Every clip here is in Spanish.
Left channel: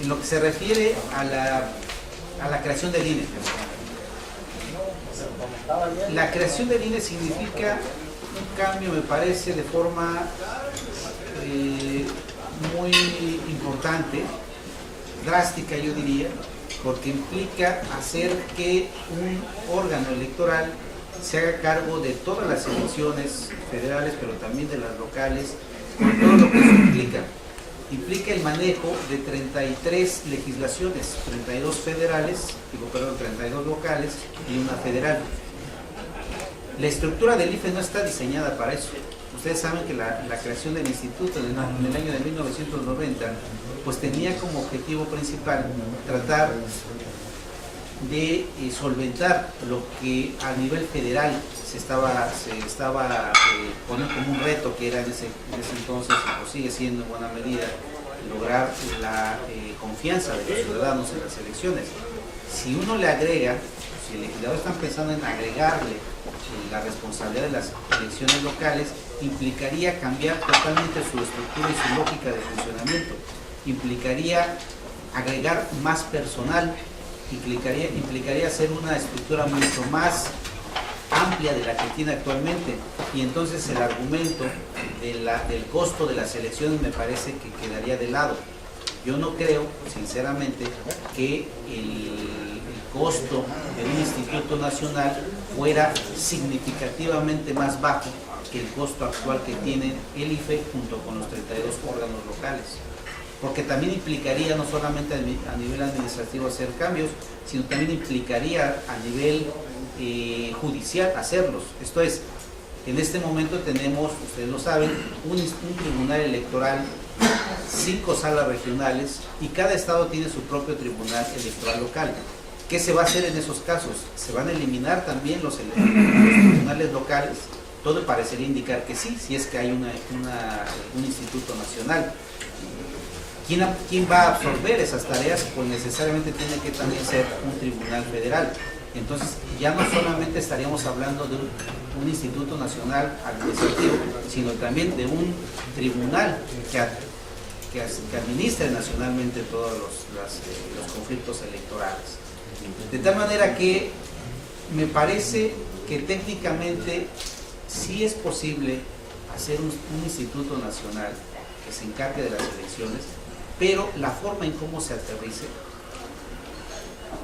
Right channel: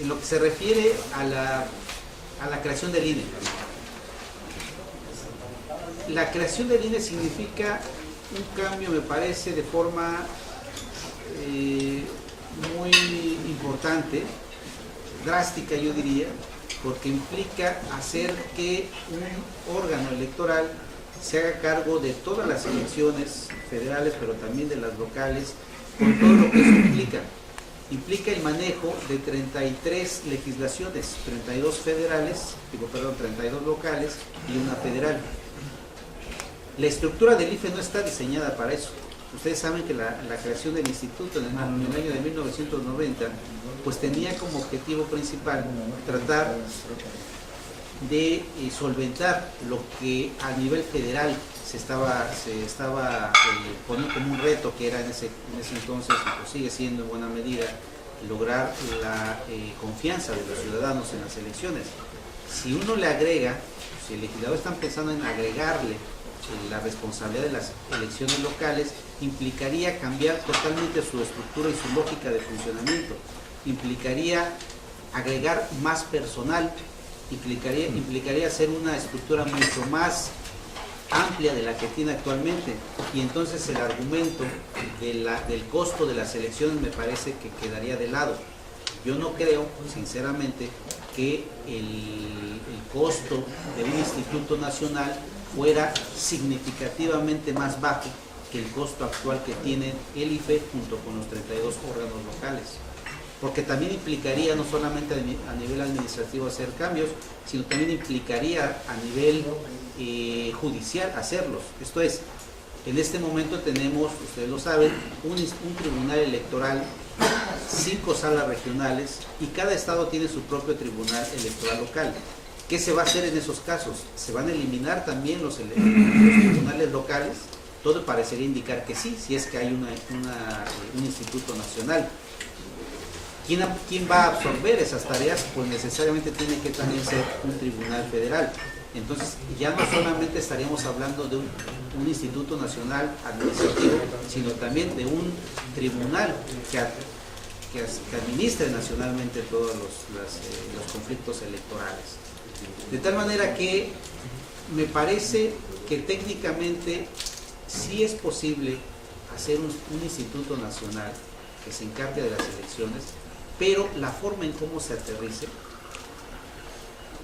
en lo que se refiere a la creación del INE. La creación del INE significa un cambio, me parece, de forma muy importante, drástica yo diría, porque implica hacer que un órgano electoral se haga cargo de todas las elecciones federales, pero también de las locales, con todo lo que eso implica. Implica el manejo de 33 legislaciones, 32 federales, 32 locales y una federal. La estructura del IFE no está diseñada para eso. Ustedes saben que la creación del instituto en el año de 1990 pues tenía como objetivo principal tratar de solventar lo que a nivel federal se estaba poniendo como un reto, que era en ese entonces, y pues sigue siendo en buena medida, lograr la confianza de los ciudadanos en las elecciones. Si uno le agrega, si el legislador está pensando en agregarle la responsabilidad de las elecciones locales, implicaría cambiar totalmente su estructura y su lógica de funcionamiento, implicaría agregar más personal, implicaría hacer una estructura mucho más amplia de la que tiene actualmente, y entonces el argumento del costo de las elecciones me parece que quedaría de lado. Yo no creo, sinceramente, que el costo de un instituto nacional fuera significativamente más bajo que el costo actual que tiene el IFE junto con los 32 órganos locales. Porque también implicaría no solamente a nivel administrativo hacer cambios, sino también implicaría a nivel judicial hacerlos. Esto es, en este momento tenemos, ustedes lo saben, un tribunal electoral, 5 salas regionales, y cada estado tiene su propio tribunal electoral local. ¿Qué se va a hacer en esos casos? ¿Se van a eliminar también los tribunales locales? Todo parecería indicar que sí, si es que hay un instituto nacional. ¿Quién va a absorber esas tareas? Pues necesariamente tiene que también ser un tribunal federal. Entonces ya no solamente estaríamos hablando de un instituto nacional administrativo, sino también de un tribunal que administre nacionalmente todos los conflictos electorales. De tal manera que me parece que técnicamente sí es posible hacer un instituto nacional que se encargue de las elecciones, pero la forma en cómo se aterrice,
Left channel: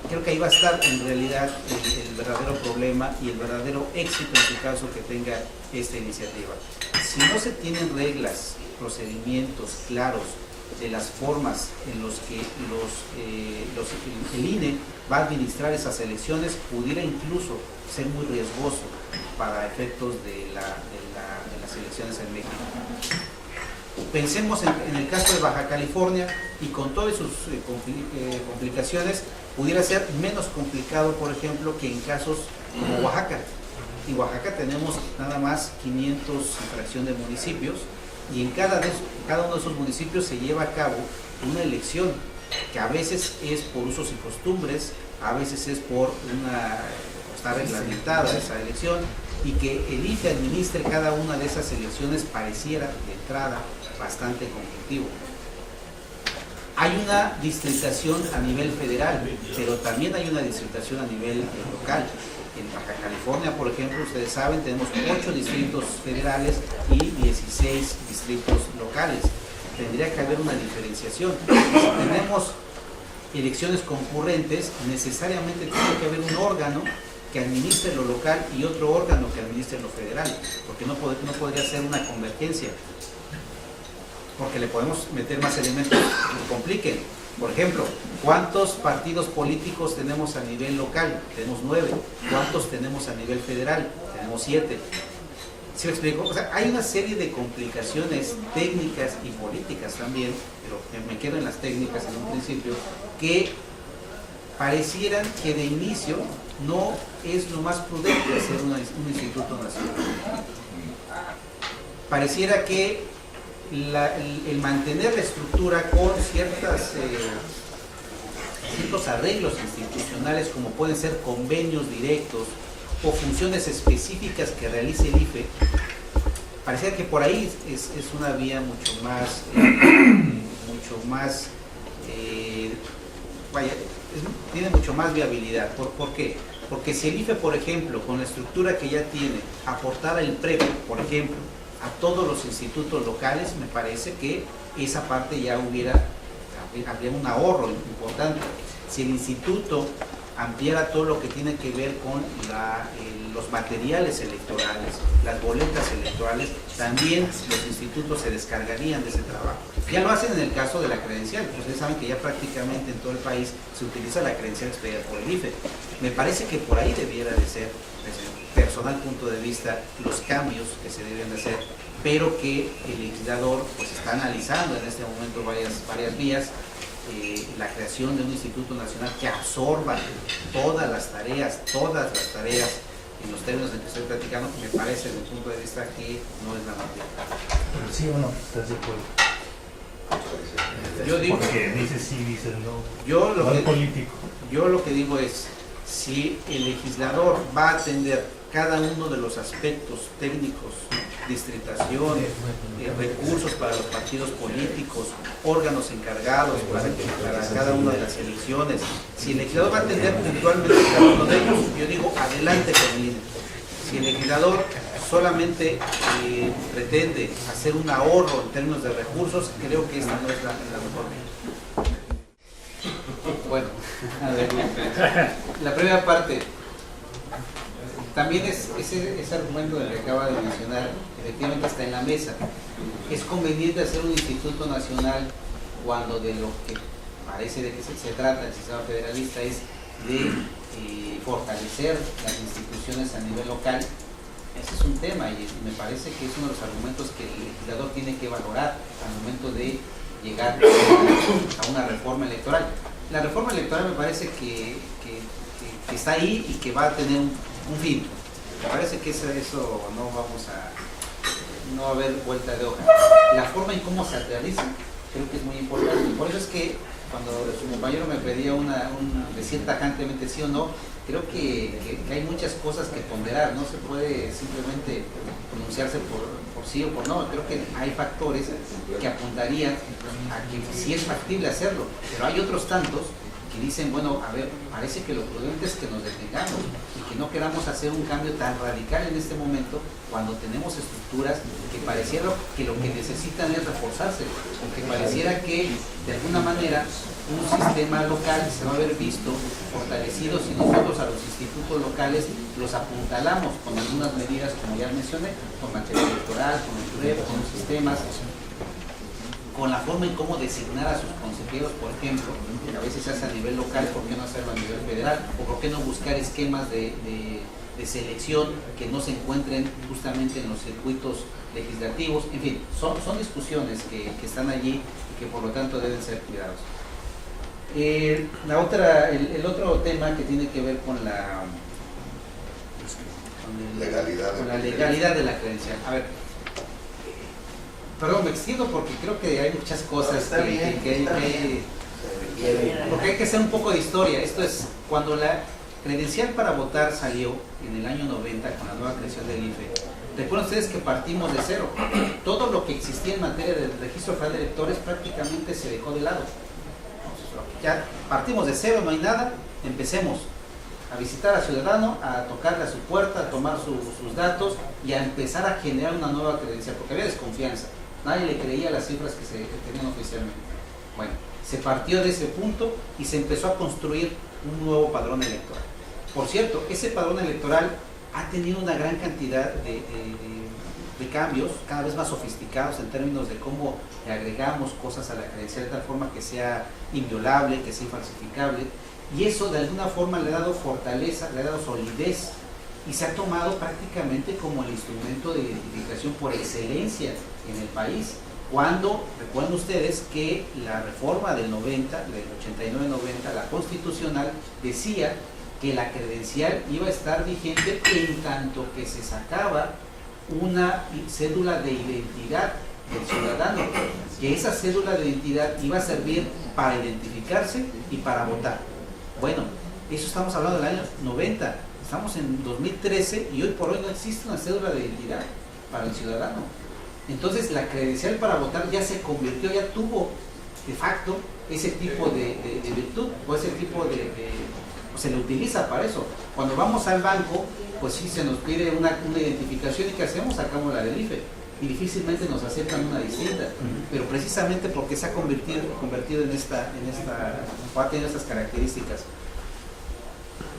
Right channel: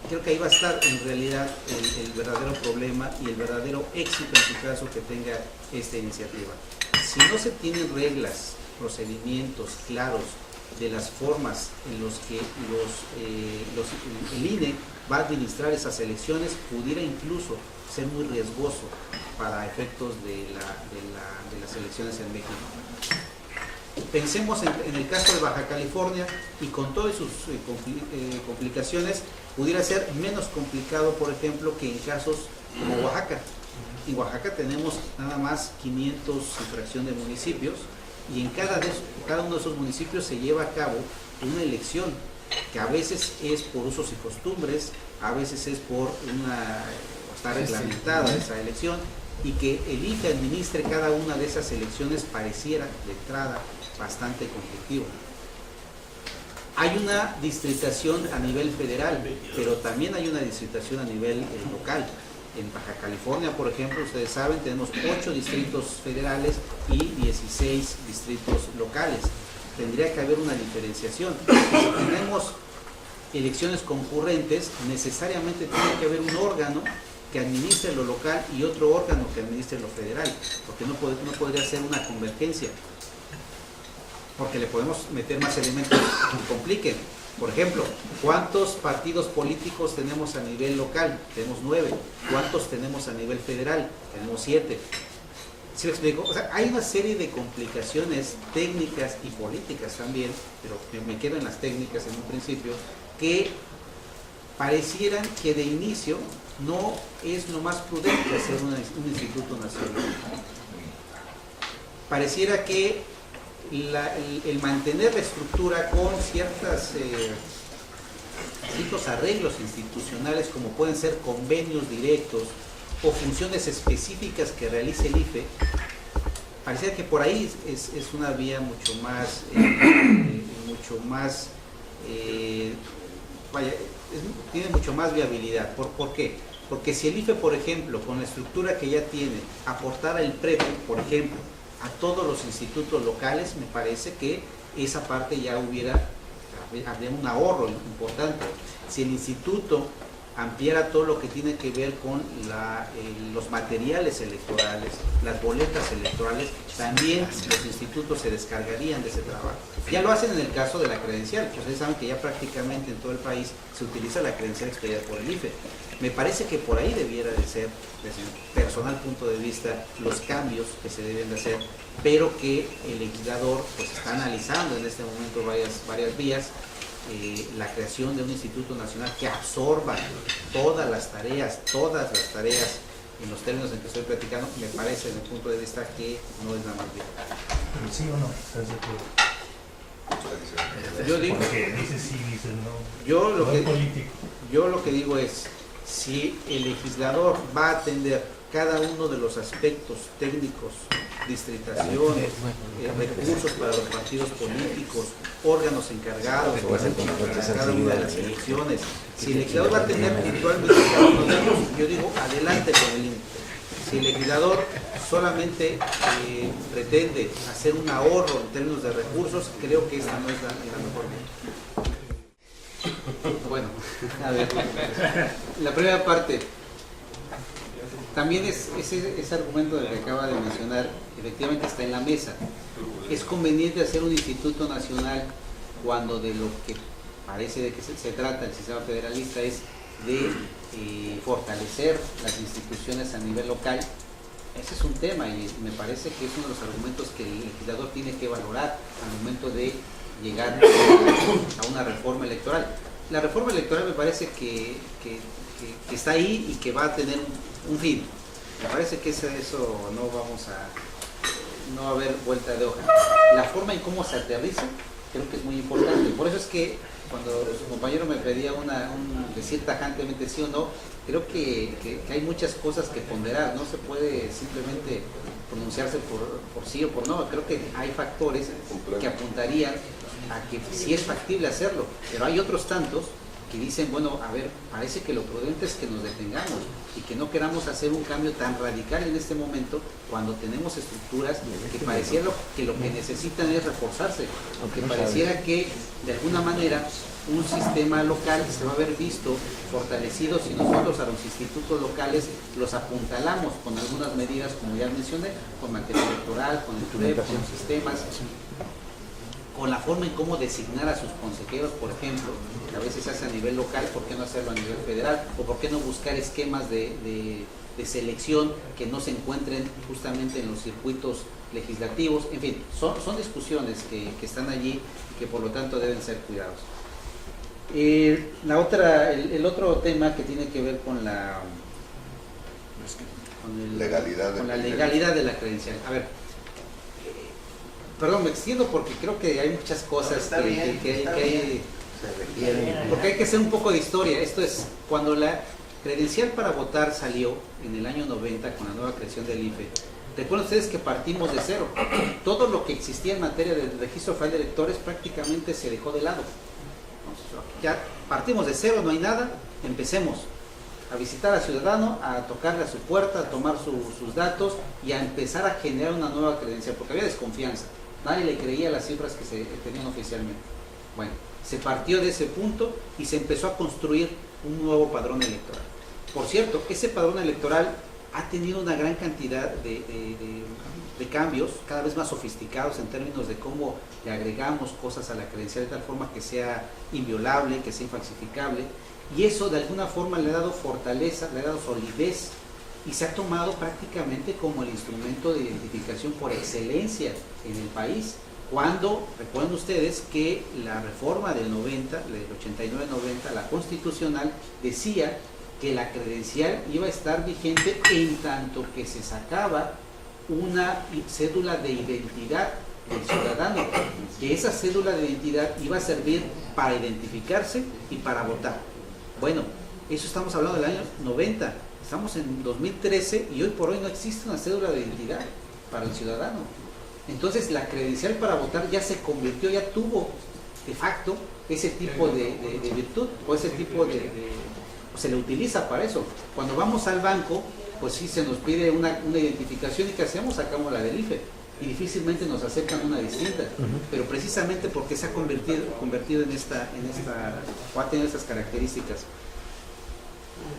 creo que ahí va a estar en realidad el verdadero problema y el verdadero éxito en su caso que tenga esta iniciativa. Si no se tienen reglas, procedimientos claros de las formas en los que el INE va a administrar esas elecciones, pudiera incluso ser muy riesgoso para efectos de las elecciones en México. Pensemos en el caso de Baja California, y con todas sus complicaciones, pudiera ser menos complicado, por ejemplo, que en casos como Oaxaca. En Oaxaca tenemos nada más 500 y fracción de municipios, y en cada uno de esos municipios se lleva a cabo una elección que a veces es por usos y costumbres, a veces es está reglamentada esa elección, y que el IFE administre cada una de esas elecciones pareciera de entrada bastante conflictivo. Hay una distritación a nivel federal, pero también hay una distritación a nivel local. En Baja California, por ejemplo, ustedes saben, tenemos 8 distritos federales y 16 distritos locales. Tendría que haber una diferenciación. Y si tenemos elecciones concurrentes, necesariamente tiene que haber un órgano que administre lo local y otro órgano que administre lo federal, porque no podría ser una convergencia, porque le podemos meter más elementos que compliquen. Por ejemplo, ¿cuántos partidos políticos tenemos a nivel local? Tenemos 9. ¿Cuántos tenemos a nivel federal? Tenemos 7. ¿Sí me explico? O sea, hay una serie de complicaciones técnicas y políticas también, pero me quedo en las técnicas en un principio, que parecieran que de inicio no es lo más prudente hacer un instituto nacional. Pareciera que el mantener la estructura con ciertos arreglos institucionales, como pueden ser convenios directos o funciones específicas que realice el IFE, pareciera que por ahí es una vía mucho más tiene mucho más viabilidad. ¿Por qué? Porque si el IFE, por ejemplo, con la estructura que ya tiene, aportara el PREP, por ejemplo, a todos los institutos locales, me parece que esa parte ya habría un ahorro importante. Si el instituto ampliara todo lo que tiene que ver con los materiales electorales, las boletas electorales, también los institutos se descargarían de ese trabajo. Ya lo hacen en el caso de la credencial. Ustedes saben que ya prácticamente en todo el país se utiliza la credencial expedida por el IFE. Me parece que por ahí debiera de ser, desde mi personal punto de vista, los cambios que se deben de hacer, pero que el legislador pues está analizando en este momento varias vías. La creación de un instituto nacional que absorba todas las tareas en los términos en que estoy platicando, me parece desde mi punto de vista que no es la más bien. Pero sí o no, ¿estás de acuerdo? Yo digo, porque dices sí, dices no. Yo lo que digo es, si el legislador va a atender cada uno de los aspectos técnicos, distritación, recursos para los partidos políticos, órganos encargados para cada una de las elecciones, si el legislador va a atender puntualmente cada uno de ellos, yo digo adelante con el INE. Si el legislador solamente pretende hacer un ahorro en términos de recursos, creo que esta no es la mejor vía. Bueno, a ver, la primera parte, también ese argumento del que acaba de mencionar, efectivamente está en la mesa. Es conveniente hacer un instituto nacional cuando de lo que parece de que se trata el sistema federalista es de fortalecer las instituciones a nivel local. Ese es un tema y me parece que es uno de los argumentos que el legislador tiene que valorar al momento de llegar a una reforma electoral. La reforma electoral me parece que está ahí y que va a tener un fin. Me parece que eso no va a haber vuelta de hoja. La forma en cómo se aterriza creo que es muy importante. Por eso es que cuando su compañero me pedía decir tajantemente sí o no, creo que hay muchas cosas que ponderar. No se puede simplemente pronunciarse por sí o por no. Creo que hay factores que apuntarían a que sí es factible hacerlo, pero hay otros tantos que dicen, bueno, a ver, parece que lo prudente es que nos detengamos y que no queramos hacer un cambio tan radical en este momento cuando tenemos estructuras que pareciera que lo que necesitan es reforzarse, aunque pareciera que de alguna manera un sistema local se va a ver visto fortalecido si nosotros a los institutos locales los apuntalamos con algunas medidas, como ya mencioné, con materia electoral, con el PREP, con los sistemas, con la forma en cómo designar a sus consejeros, por ejemplo, que a veces se hace a nivel local, ¿por qué no hacerlo a nivel federal? ¿O por qué no buscar esquemas de selección que no se encuentren justamente en los circuitos legislativos? En fin, son discusiones que están allí y que por lo tanto deben ser cuidados. El otro tema que tiene que ver con la legalidad de la credencial. A ver, perdón, me extiendo porque creo que hay muchas cosas porque hay que hacer un poco de historia. Esto es, cuando la credencial para votar salió en el año 90 con la nueva creación del IFE, recuerden ustedes que partimos de cero. Todo lo que existía en materia del registro federal de electores prácticamente se dejó de lado. Entonces, ya partimos de cero, no hay nada, empecemos a visitar al ciudadano, a tocarle a su puerta, a tomar sus datos y a empezar a generar una nueva credencial, porque había desconfianza. Nadie le creía las cifras que se tenían oficialmente. Bueno, se partió de ese punto y se empezó a construir un nuevo padrón electoral. Por cierto, ese padrón electoral ha tenido una gran cantidad de cambios, cada vez más sofisticados en términos de cómo le agregamos cosas a la credencial de tal forma que sea inviolable, que sea infalsificable, y eso de alguna forma le ha dado fortaleza, le ha dado solidez, y se ha tomado prácticamente como el instrumento de identificación por excelencia en el país. Cuando, recuerden ustedes que la reforma del 90, del 89-90, la constitucional, decía que la credencial iba a estar vigente en tanto que se sacaba una cédula de identidad del ciudadano, que esa cédula de identidad iba a servir para identificarse y para votar. Bueno, eso estamos hablando del año 90, estamos en 2013 y hoy por hoy no existe una cédula de identidad para el ciudadano. Entonces la credencial para votar ya se convirtió, ya tuvo de facto ese tipo de virtud o ese tipo o se le utiliza para eso. Cuando vamos al banco, pues sí se nos pide una identificación y ¿qué hacemos? Sacamos la del IFE y difícilmente nos aceptan una distinta, pero precisamente porque se ha convertido en esta o ha tenido estas características.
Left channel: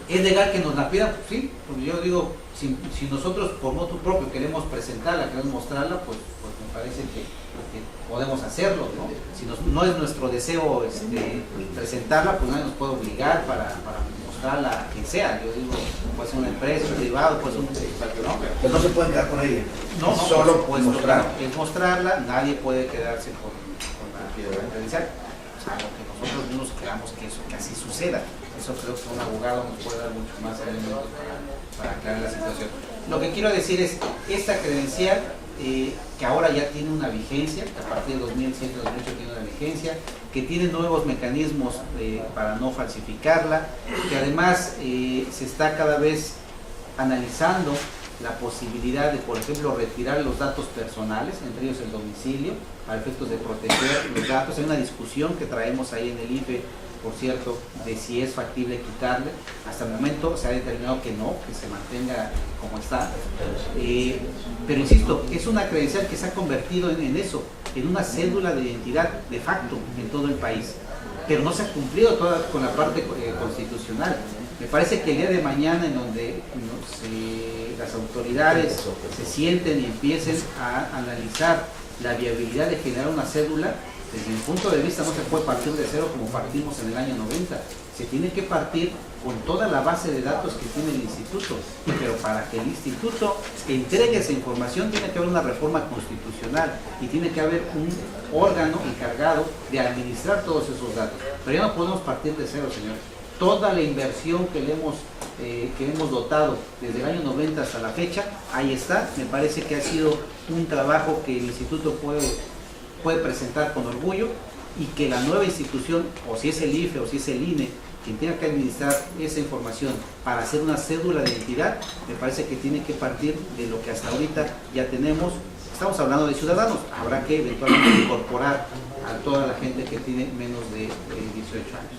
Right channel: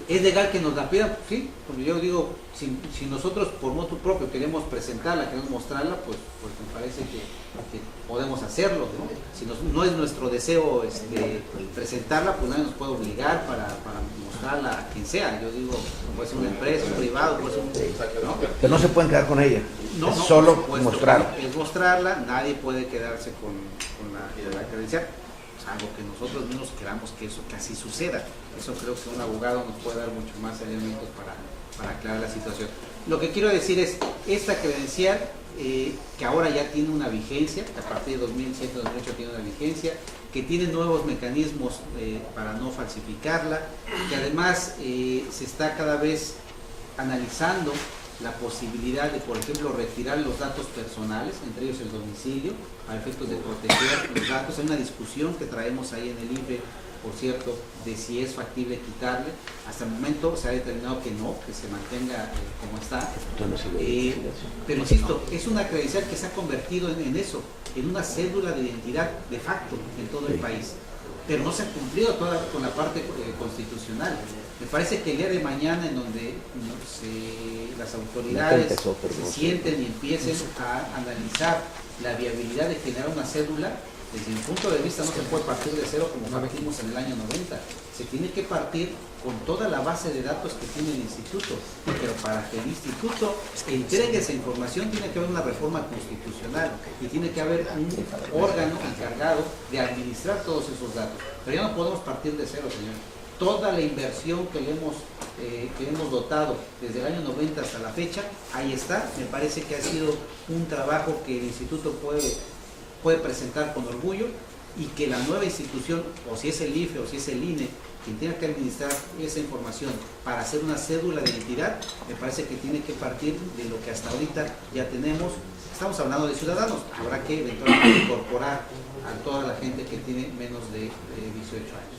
¿Es legal que nos la pidan? Sí, porque yo digo, si nosotros por motu propio queremos presentarla, queremos mostrarla, pues me parece que podemos hacerlo, ¿no? Si no es nuestro deseo presentarla, pues nadie nos puede obligar para mostrarla a quien sea. Yo digo, puede ser una empresa, un privado, puede ser ¿no? Pero no se pueden quedar con ella. No, solo por supuesto, mostrar. es mostrarla, nadie puede quedarse con la credencial, salvo que nosotros mismos queramos que así suceda. Eso creo que un abogado nos puede dar mucho más elementos para aclarar la situación. Lo que quiero decir es, esta credencial, que ahora ya tiene una vigencia, que a partir de 2007-2008 tiene una vigencia, que tiene nuevos mecanismos para no falsificarla, que además se está cada vez analizando la posibilidad de, por ejemplo, retirar los datos personales, entre ellos el domicilio, para efectos de proteger los datos. Hay una discusión que traemos ahí en el IFE, por cierto, de si es factible quitarle. Hasta el momento se ha determinado que no, que se mantenga como está. Pero insisto, es una credencial que se ha convertido en eso, en una cédula de identidad de facto en todo el país. Pero no se ha cumplido toda con la parte constitucional. Me parece que el día de mañana, en donde las autoridades se sienten y empiecen a analizar la viabilidad de generar una cédula, desde mi punto de vista no se puede partir de cero como partimos en el año 90. Se tiene que partir con toda la base de datos que tiene el instituto. Pero para que el instituto entregue esa información tiene que haber una reforma constitucional y tiene que haber un órgano encargado de administrar todos esos datos. Pero ya no podemos partir de cero, señor. Toda la inversión que hemos dotado desde el año 90 hasta la fecha, ahí está. Me parece que ha sido un trabajo que el instituto puede presentar con orgullo, y que la nueva institución, o si es el IFE o si es el INE, quien tenga que administrar esa información para hacer una cédula de identidad, me parece que tiene que partir de lo que hasta ahorita ya tenemos. Estamos hablando de ciudadanos, habrá que eventualmente incorporar a toda la gente que tiene menos de 18 años.